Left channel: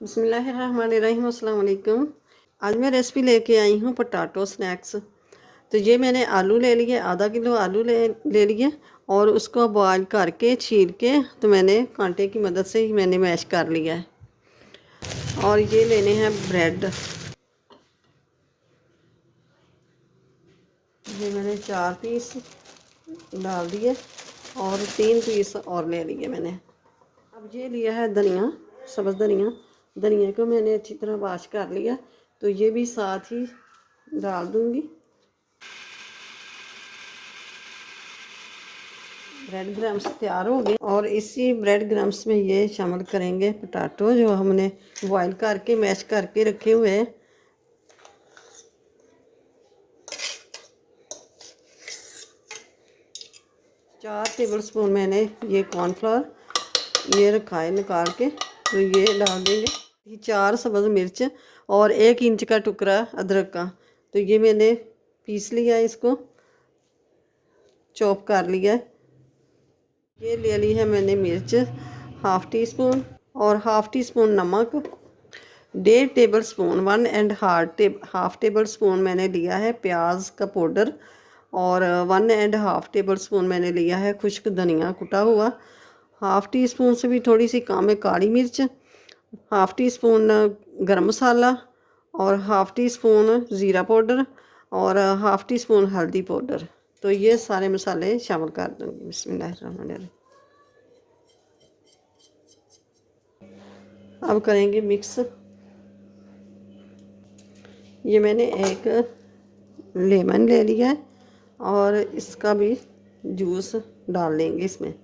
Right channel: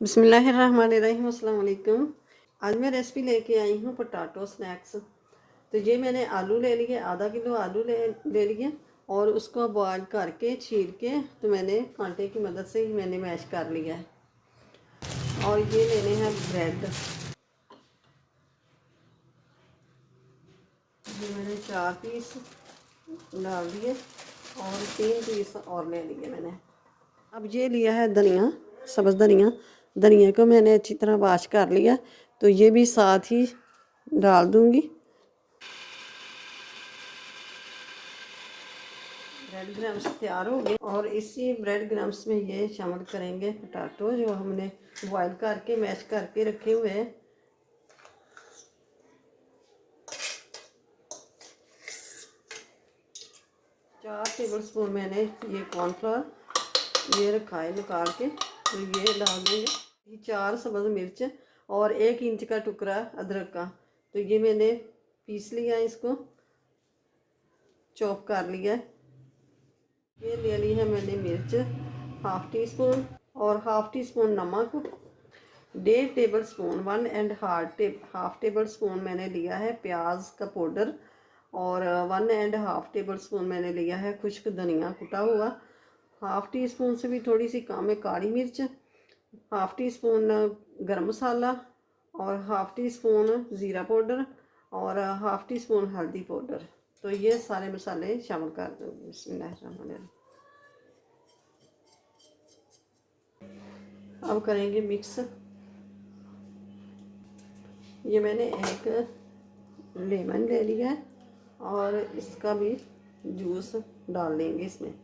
बिस्मिल्लाहिर्रहमानिर्रहीम, अस्सलाम वालेकुम। आज मैं रेसिपी लेके आई हूँ पोटैटो स्नैक्स। तो ये मैंने आलू ले लिए, आधा किलो आलू ले लिए और उसको बॉयल करके छील के तो मैंने कांटे की मदद से ही मैंने मैश कर लिया है। और ये लेने हैं ब्रेड। ये मैंने 4 पीस डाल दिए और 3 पीस और ले लिए मैंने। अब ये लिया है धनिया, सब्ज़ धनिया। धनिया को मैंने अच्छी तरह वॉश कर लिया, तो ये भी साथ ही डाल दूंगी। ब्रेड क्रम्स तैयार हो गए और इसी ब्रेड क्रम्स में ये शामिल करेंगे पोटैटो जो हमने बॉईल करके मैश करके रखे हुए हैं। चार टेबल स्पून मैंने ये कॉर्नफ्लोर ये रखा है निकाल के, तो ये डाल देंगे। 4 सब्ज़ मिर्च और 1 इंच का टुकड़ा अदरक का, तो ये मैंने पीस लिया है, इसको चॉप कर लिया है। ये ले ली है मैंने मिर्च हाफ़ टी स्पून और हाफ़ टी स्पून नमक, 1.5 टेबल स्पून 1.5 टेबल स्पून मैंने लिया है प्याज का पाउडर और 1.5 टेबल स्पून मैंने लिया है खुश्क धनिया कुटा हुआ। हाफ़ टी स्पून से भी थोड़ी सी कम है काली मिर्च, हाफ़ टी स्पून गरम मसाला और हाफ़ टी स्पून ज़ीरा पाउडर और हाफ़ टी स्पून हल्दी पाउडर। तो ये सारे मसाले शामिल कर दूँगी। बिस्मिल्लाहिर्रहमानिर्रहीम। अब करेंगे मिक्स। ये मैंने एक लेमन ले लिया है और इसका भी जूस डाल लेंगे इसमें।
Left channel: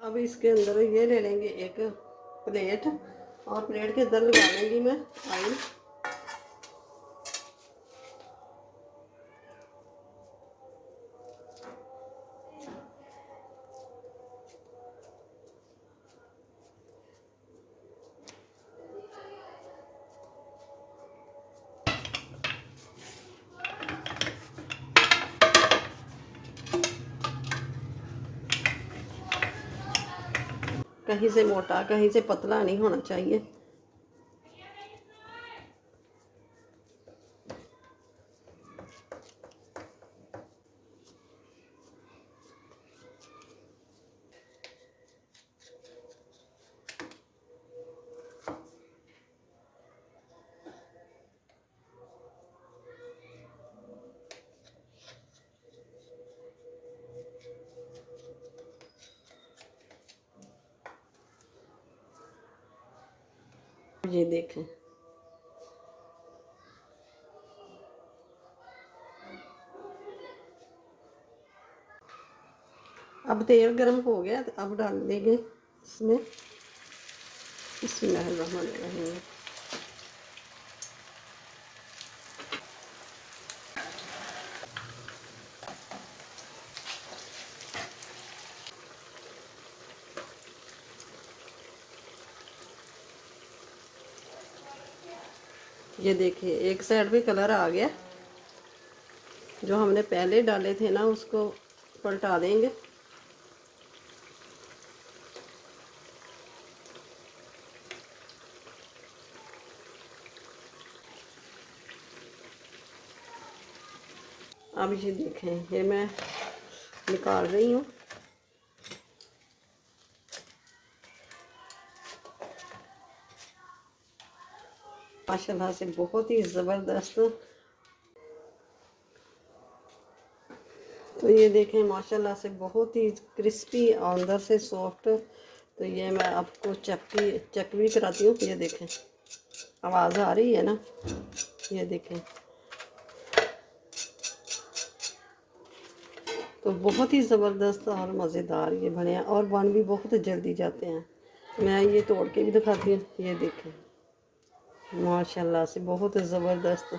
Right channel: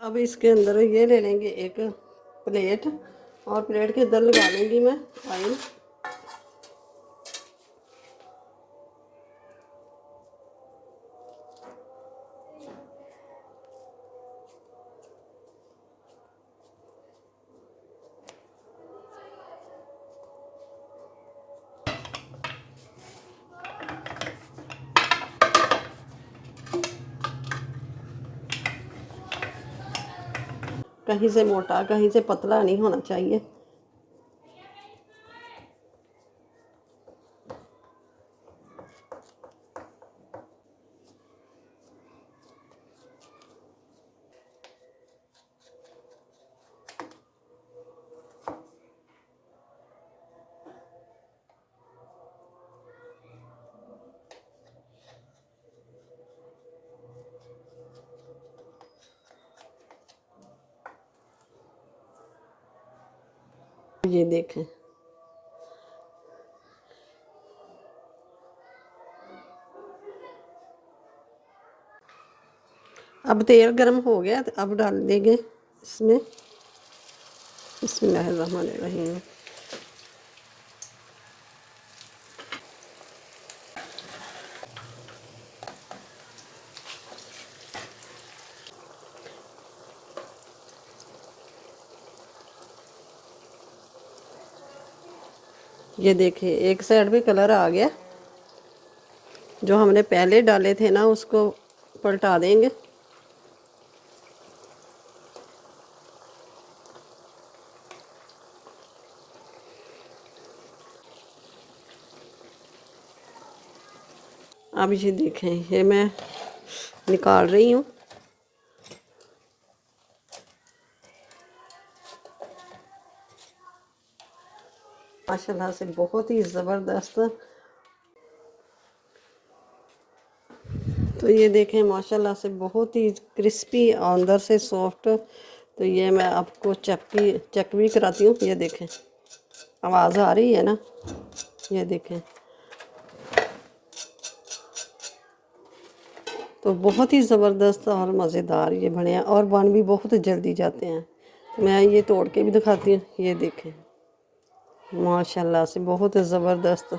अब इसके अंदर ये ले लेंगे एक प्लेट और प्लेट के अंदर लगा लेंगी मैं ऑयल। कहीं से मोटा कहीं से पतला नहीं होना चाहिए। ये देखें, अब तेल गर्म हो गया, तो अब डाल देंगे इसमें बिस्मिल्लाहिर्रहमानिर्रहीम। ये देखिए एक साइड भी कलर आ गया। जो हमने पहले डाले थे ना उसको पलटा देंगे। अब ये देखें, ये मैं निकाल रही हूँ। माशाल्लाह से बहुत ही ज़बरदस्त। तो ये देखें माशाल्लाह से बहुत ही क्रिस्पी अंदर से सॉफ्ट। तो ये मैं आपको चेक भी कराती हूँ। ये देखें आवाज़ आ रही है ना, ये देखें। तो बहुत ही ज़बरदस्त और मज़ेदार ये बने हैं और बन भी बहुत जल्दी जाते हैं। मैं ये तोड़ के भी दिखाती हूँ। ये देखें माशाल्लाह से बहुत ज़बरदस्त।